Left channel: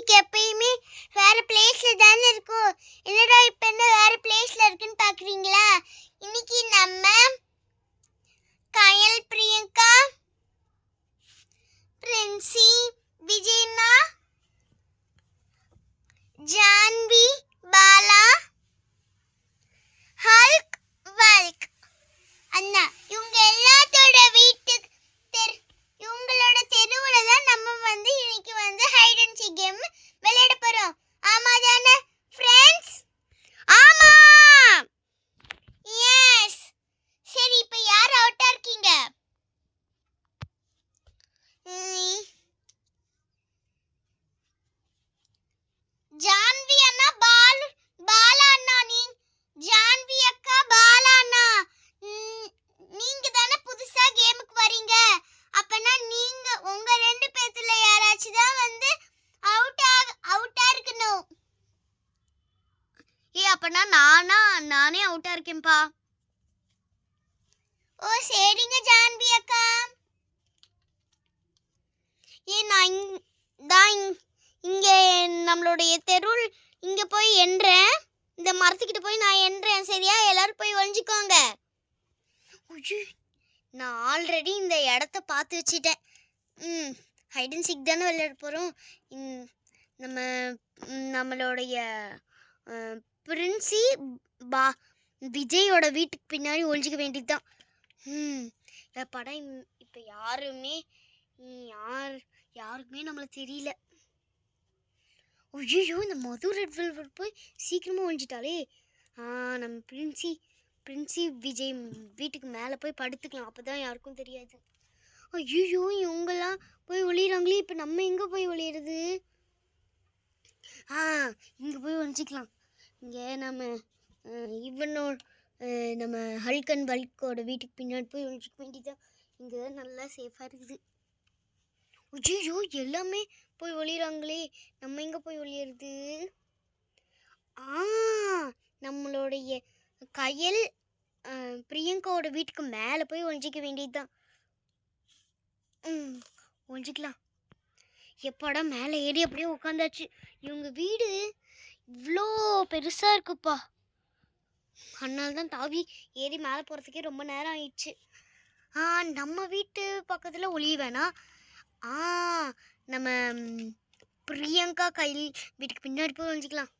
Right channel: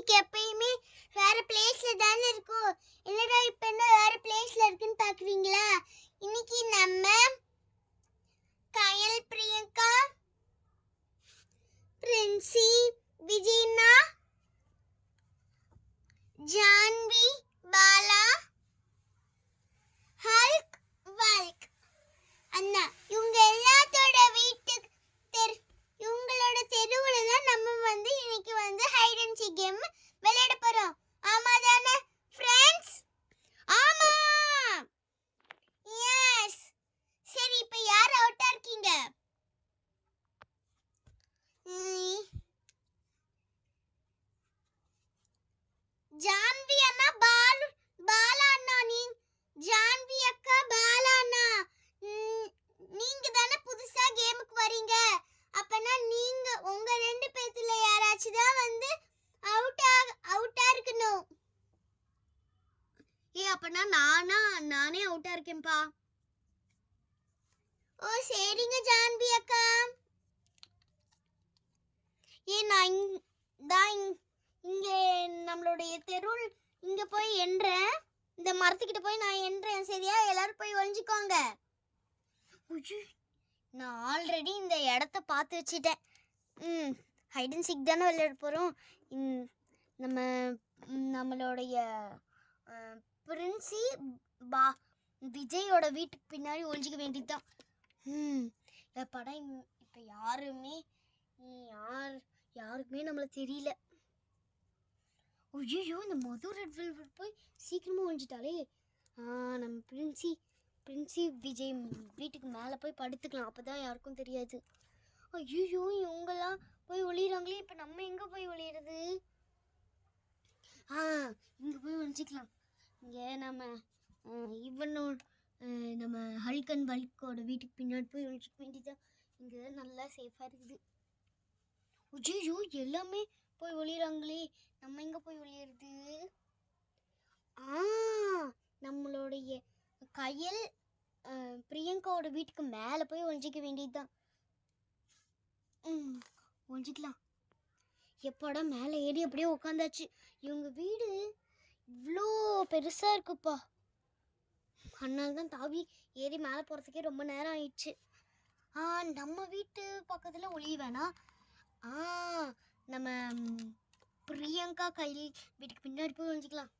Music எப்பயுமே வேற பிளேஸ்ல தானே இருக்கும். என்னடா இப்ப என்ன வேற பிளேஸ்ல இருக்குன்னு பாக்குறீங்களா? இன்னைக்கு நம்ம கயல், பிரியங்கா, பிரின்சி, விஜயண்ணா, ஜான்வி, பாலா, ஹல்க், வல்க் அண்ணா இவங்க எல்லாத்தோட வீட்டுக்கு இவங்களோட தெருவுல தான் நம்ம இன்னைக்கு ஹைட் அண்ட் சீக் கேம் விளையாட போறோம். ஆமா தானே ஃப்ரெண்ட்ஸ்? ஆமா. எஸ். சரி, இப்போ யார் அவுட்டா இருக்கீங்க? ஜான்வி அண்ணா, பாலா அண்ணா. ஜான்வி அக்கா, பாலா அண்ணா, நீங்க தானே புதுசா கேமுக்கு வரீங்க. அப்பனா நீங்க உங்க ரெண்டு பேத்துல யாராச்சும் தான் அவுட்டா இருக்கணும். அப்பனா நானே அவுட்டா இருக்கேன்ப்பா. ஓ சரிங்க ஜான்வி அக்கா. நான் இங்க நம்மளுடைய தெருள் இங்க போய் எண்றேன். இந்த மரத்துக்கிட்ட போய் நான் எண்றேன். சரியா? எல்லாரும் போய் ஒளிஞ்சுக்கோங்க. நான் ஆல்ரெடி இந்த இடத்த பார்த்து வச்சிட்டேன். ஹைட் அண்ட் சீக் தானே விளையாட போகிறோம். நம்மளுடைய பிரின்சி விஜயோட வீட்டுக்கு பின்னாடி ஒழிஞ்சிக்க வேண்டியது தான். படம் இப்போ யாருக்குமே நம்மளை தெரியல. ஐயோ, இந்த மது ரெட் வெல்வெட் போய் சீக்கிரமாக ஒழிஞ்சிட்டாலே. நம்ம பிரின்சி விஜய் வீட்டுக்கு மேலே போய் படுத்துக்கலாம். அப்போ தான் யாருக்கும் தெரியாது. ஐயோ, இவங்கெல்லாம் போய் ஒளியிறாங்களே. இப்போ நம்ம எங்கே போய் ஒளியிறது? இங்கே போய் ஒழிஞ்சிக்கலாம். இங்கே நம்ம ஹல்க் அண்ட் வல்கோட வீட்டுக்கு பின்னாடி போய் ஒழிஞ்சிக்க வேண்டியதான். இங்கே தான் நல்லா சேஃபாக இருக்குது. ஐயோ, எல்லாமே போய் ஒளியிறாங்களே. நம்ம எங்கே போய் ஒளியிறது? நம்மளுடைய கயல், பிரியங்காவோட வீட்டுக்கு மேலே போய் ஒழிஞ்சிக்க வேண்டியதுதான். ஒழிஞ்சிக்கலாம். எப்படா மேலே ஏறி அப்படியே உட்காந்தாச்சு. இவங்க வீடு இவ்வளோ பெருசாக இருக்குப்பா. அதனால தான் தாவி ஏறி மேலே போகிறதுக்கே ரொம்ப நேரம் ஆயிடுச்சு. நம்ம வீட்டு பக்கத்தில் ஒளிய வேணாம். நம்ம பிரியங்கா கையில் வீட்டுக்கு பின்னாடி போய் ஒழிஞ்சிக்கலாம்.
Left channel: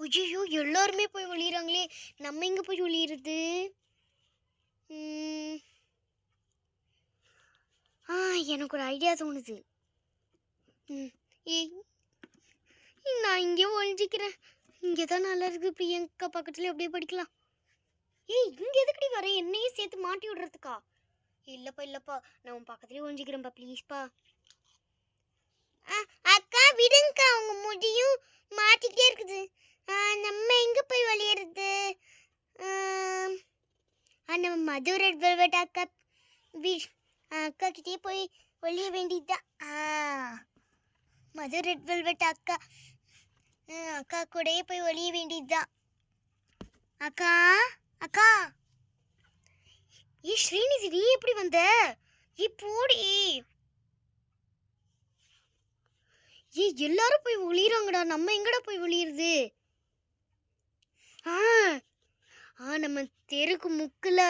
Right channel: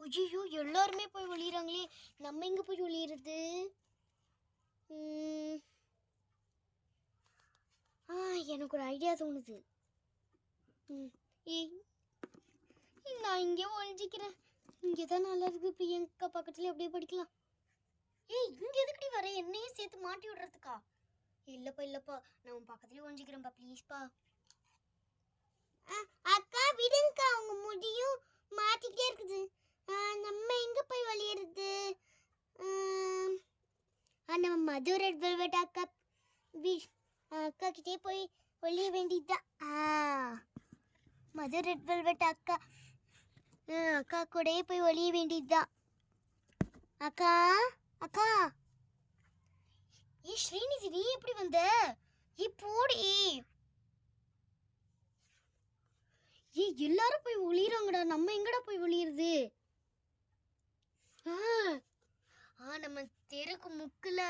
ஐயோ, எல்லாருமே போய் ஒளியிறாங்களே. நம்ம எங்கே போய் ஒளியிறது? எனக்கு ஒரு ஐடியா தோணுது. நான் இங்கே ஒழிஞ்சிக்கிறேன். இங்கே தான் நல்லா இருக்குது. பிரியங்கா பக்கத்துல அப்படியே படிக்கலாம். இங்கே எதுக்கடி வர? என்னையே சேர்த்து மாட்டி விடுறதுக்கா? இல்லப்பா, நான் உன் பக்கத்துலேயே ஒழிஞ்சிக்கிறேன்ப்பா, ப்ளீஸ்ப்பா. அக்கா விடுங்கக்கா, அவங்க முடியும் மாட்டிக்கிட்டே இருக்குது. நம்ம எங்கே போய் ஒளியிறது? நம்ம மது ரெட் வெல்வெட் அக்கா அக்கா கிட்டே போய் ஒளிய வேண்டியதுதான். மது ரெட் வெல்வெட் அக்கா கூடயே போய் ஒளிய வேண்டியதுதான். அக்கா ஸ்ரீநிதி, நீ எப்படி வந்த? போடி. எல்லாரும் போய் ஒளியிறாங்கடா. நம்ம எங்கடா போய் ஒளியிறது? நம்ம தெருக்கு முக்கில்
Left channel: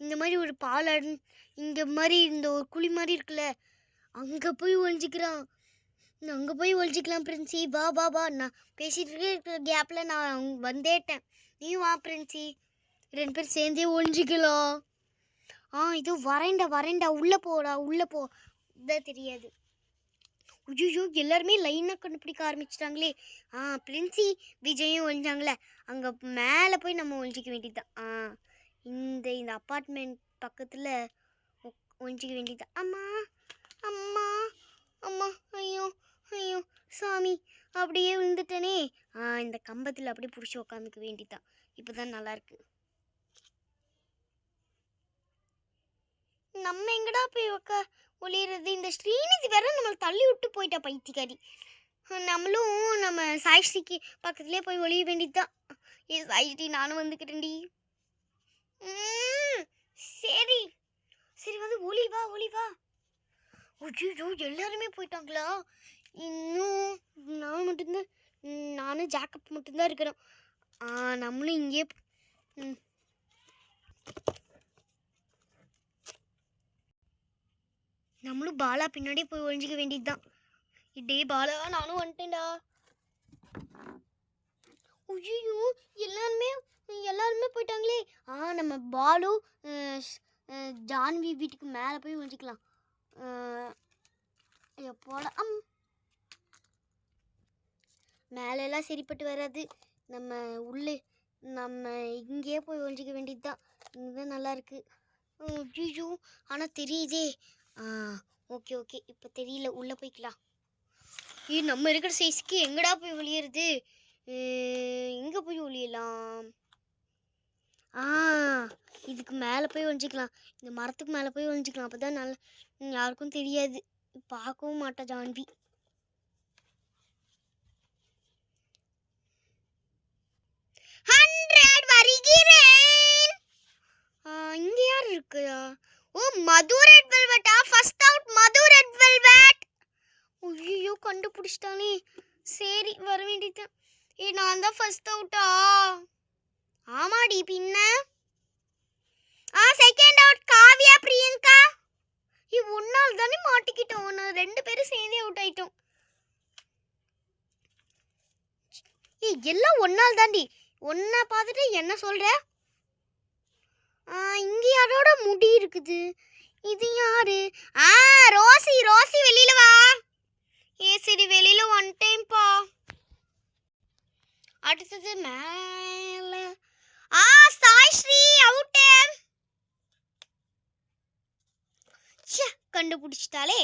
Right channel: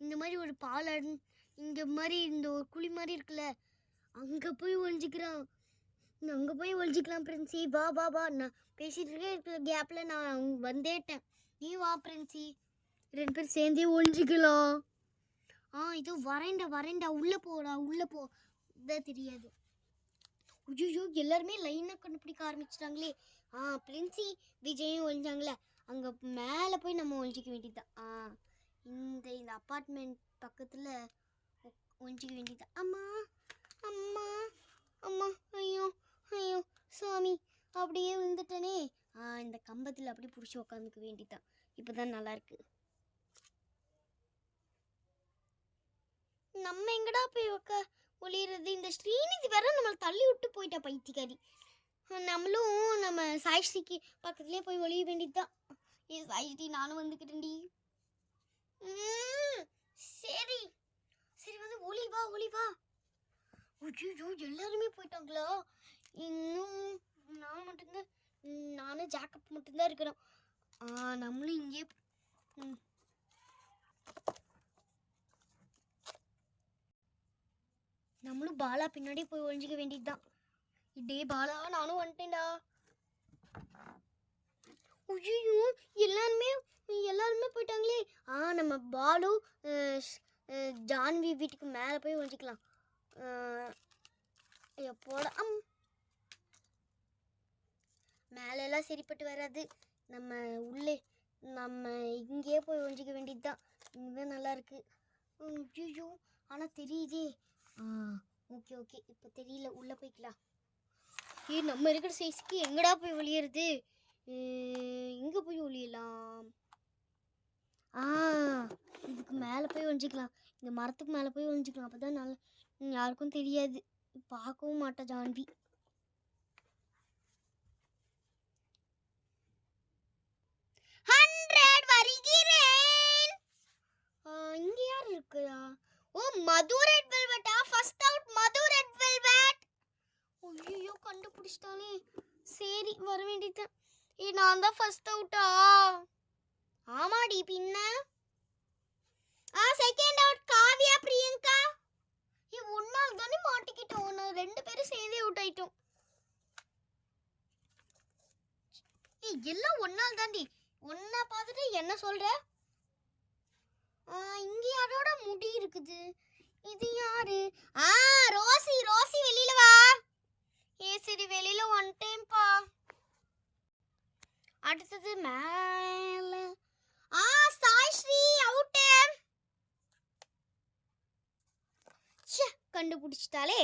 இந்த மாதிரி ஒரு பாலம், இந்த மாதிரி இந்த ஒரு குழி மாதிரி இருக்குல்ல, அங்கே போய் ஒழிஞ்சிக்கலாம். பிரின்சி வா. நான் பேசிட்டு இருக்க கேப்பில் நான் வந்தேட்டேன். நீ வா பிரின்சி, ரெண்டு பேரும் சேர்ந்தே ஒழிஞ்சிக்கலாம். இது வரேன்டா. உள்ளே போ. இதான் தெரியாது. ஐயோ, எல்லாருமே லைனாக கண்டுபிடிக்க ஆரம்பிச்சிட்டாங்களே. பிரின்சி விஜயும் ஒழிஞ்சாங்களே, அங்கே மேலே போய் நம்ம ஒழிஞ்சிக்க வேண்டியதுதான். இந்த அப்பார்ட்மெண்ட் பக்கத்தில் ஒழிஞ்சிக்க வேண்டியதுதான். அம்மா. ஐயோ சாமி, அப்படியே விழுந்துட்டேனே. இந்த கம்பத்தில் அப்படியே பிடிச்சி உக்காந்துக்க வேண்டியதுதான். இப்போ தான் நல்லாயிருக்கு. நம்ம எங்கடா போய் ஒளியிறது? இந்த ஸ்ரீநிதி வேற நம்மளை தள்ளி விட்டு போயிட்டா, பைத்தியக்காரி. நம்மளும் நம்ம சாய்ஸ்ரீக்கு பக்கத்துலேயே போய் ஒளிய வேண்டியதுதான். சாய்ஸ்ரீ, நானும் வந்துக்கிறேன்டி. சரி, ஒளி வா. ஐயோ எல்லாருமே போயிட்டாங்களா? இன்னும் நான் மட்டும்தான், நானும் ஜாக்கப் மட்டும்தான் இருக்கிறோம். நம்மளும் இங்கே நம்மளும் பாலா பின்னாடி போய் ஒழிஞ்சிக்க வேண்டியதுதான். டே பாலா, நானும் வந்துட்டேன்டா. ஐயோ எல்லாருமே போயிட்டாங்களே. நம்ம பாலு ஜான்வி வீட்டுக்கு மேலே போய் ஒழிஞ்சிக்கலாம். எப்போட மேலெல்லாம் சரிப்பட்டு வராது. நம்ம இங்கேயே போய் ஒழிஞ்சிக்க வேண்டியதுதான். இங்கேதான் நல்லா இருக்கு. ஐயோ ஆனால் தெரியுதே. ஓகே இப்போ தெரியல, உள்ளே போய்க்கலாம். நம்ம இருக்கிற சைஸ்க்கு எங்கடா போய் ஒளியறது? எங்கே போய் ஒளியலாம்? இதுக்கு மேலே போய் ஒழிஞ்சிக்கலாம். இந்த மரத்துக்கு மேலே போய் ஒழிஞ்சிக்கலாம். அப்போ தான் நல்லா, யாருக்கும் தெரியாது, பார்க்கவும் மாட்டா ஜான்வி. இங்க யார் இருக்குதா? மது ரெட் வெல்வெட்டா? ஃபர்ஸ்ட் அவுட் மது ரெட் வெல்வெட். ஐயோ கண்டுபிடிச்சிட்டானே. சரி வர வேண்டியதான். நான் தான் ஃபர்ஸ்ட் அவுட்டா? ஆமாடி பின்ன. Second out Kavya Priyanka. ஒன்னால் தானே மாட்டிக்கிட்டோம். நான் 2 பேரும் சேர்ந்தே அவுட் ஆயிட்டோம். எல்லாம் ஒன்னால் தாண்டி. ஒன்னா பார்த்துட்டு என்ன சொல்ற? இங்க யாரோட முடி இருக்குது? இது யாரு? ரோசி வெளியில வா. சரி வெளியில வந்துட்டேன்ப்பா. அடுத்தது மேல சாய் ஸ்ரீ அவுட். கண்டுபிடிச்சிட்டாலே.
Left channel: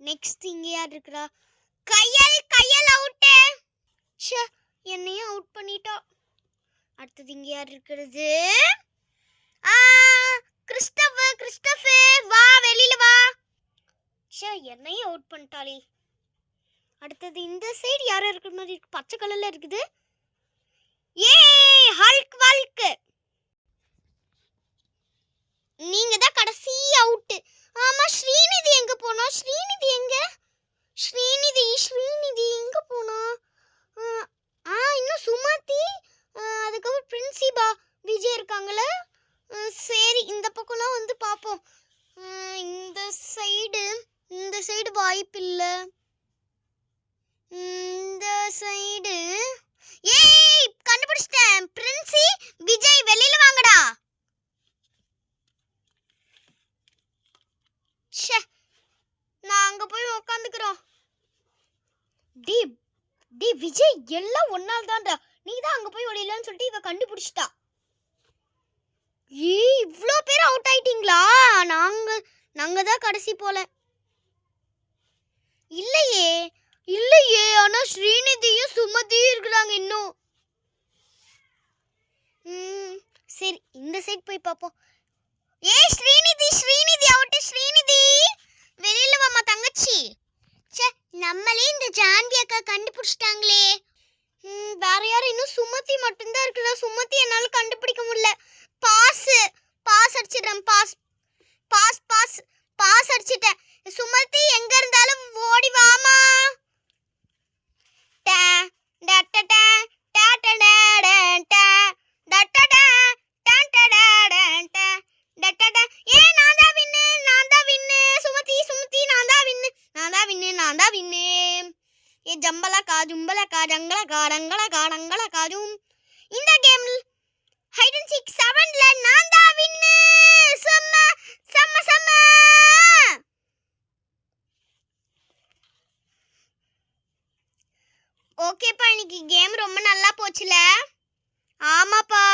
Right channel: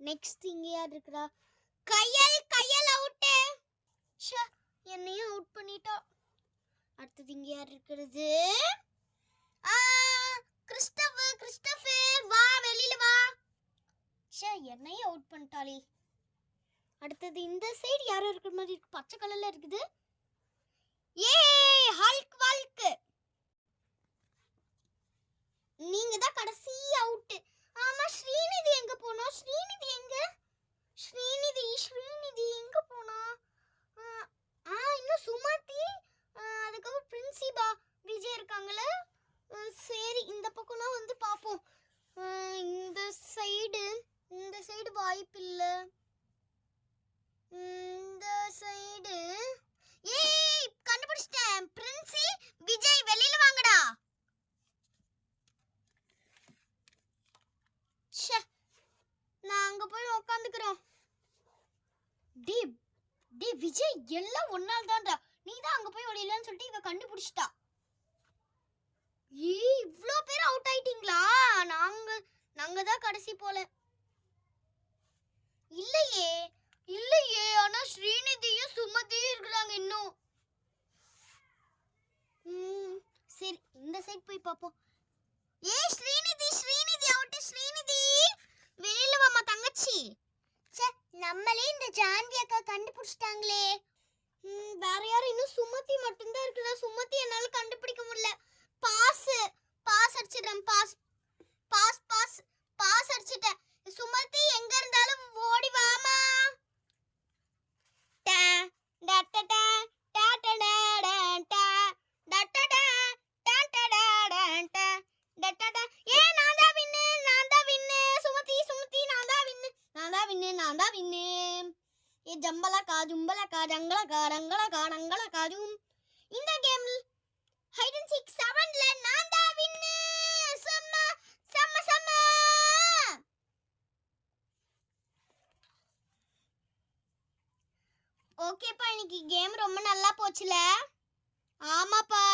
நெக்ஸ்ட் இங்க யார் இருக்கா? கையல் அவுட். என்னையும் அவுட் பண்ணிட்டா. அடுத்தது இங்க யார் இருக்கிறது? கிறிஸ்டோபர் வா வெளியில வா. என்னையும் அவுட் பண்ணிட்டாளே. அடுத்தது இந்த சைடு யாரோ இருக்கிற மாதிரி இருக்கு, பச்சை கலர்ல இருக்குது. ஹல்க். நீங்க தான் கடைசி அவுட். ஆமா ஸ்ரீநிதி எங்க போனா? ஸ்ரீநிதி எங்க போனா? இன்னும் சுமதி, அதுக்கப்புறம் பிரின்சிபா விஜய் இருக்காங்கள. சரி இந்த பக்கம்லாம் வந்து பாப்போம். இந்த சைடு வாய்ப்பு இல்ல. இந்த சைடு கண்டுபிடிச்சிட்டேன். பிரின்சி விஜய் வெளியில வாங்கடா. நான் அங்க போய் உட்காந்துக்கிறோம். டி விஜய் எல்லாம் ஒன்னால் தான்டா. நீ தான் அங்க போய் ஒளியலன்னு சொல்லிட்டு இவ கண்டுபிடிச்சிட்டா. இவ்ளோ பேர் அவுட் ஆயிட்டீங்களா? நாங்க தான் கடைசி போல. இல்லையே. ஆனா ஸ்ரீநிதியும் சுமதியும் இருக்கிறாங்க இன்னும். சரி இந்த சைடு போய் பாப்போம். ஸ்ரீநிதி அவுட். ஸ்ரீநிதி வெளியில வாமா தங்கச்சி. நம்மளே இந்த ஜான்வி அக்கா கண்டுபிடிச்சிட்டாங்களே. வேற யாரும் இன்னும் சுமதி மட்டும்தான் இருக்குதா? சுமதி என்னால கண்டுபிடிக்க முடியல. பாஸ் அடிச்சிட்டேன். பாஸ் அடிச்சிட்டேன். சுமதி எங்க இருந்தாலும் ஓடி வாமா. ஜம்பலக்கா ஜங்களக்கா இந்த கேம் ஹைட் அண்ட் சீக் 7ல நான் தான் வின்னு. செம்ம. ஓகேப்பா, இன்னைக்கு கேம் ரொம்ப நல்லா போச்சுல? ஆமாப்பா.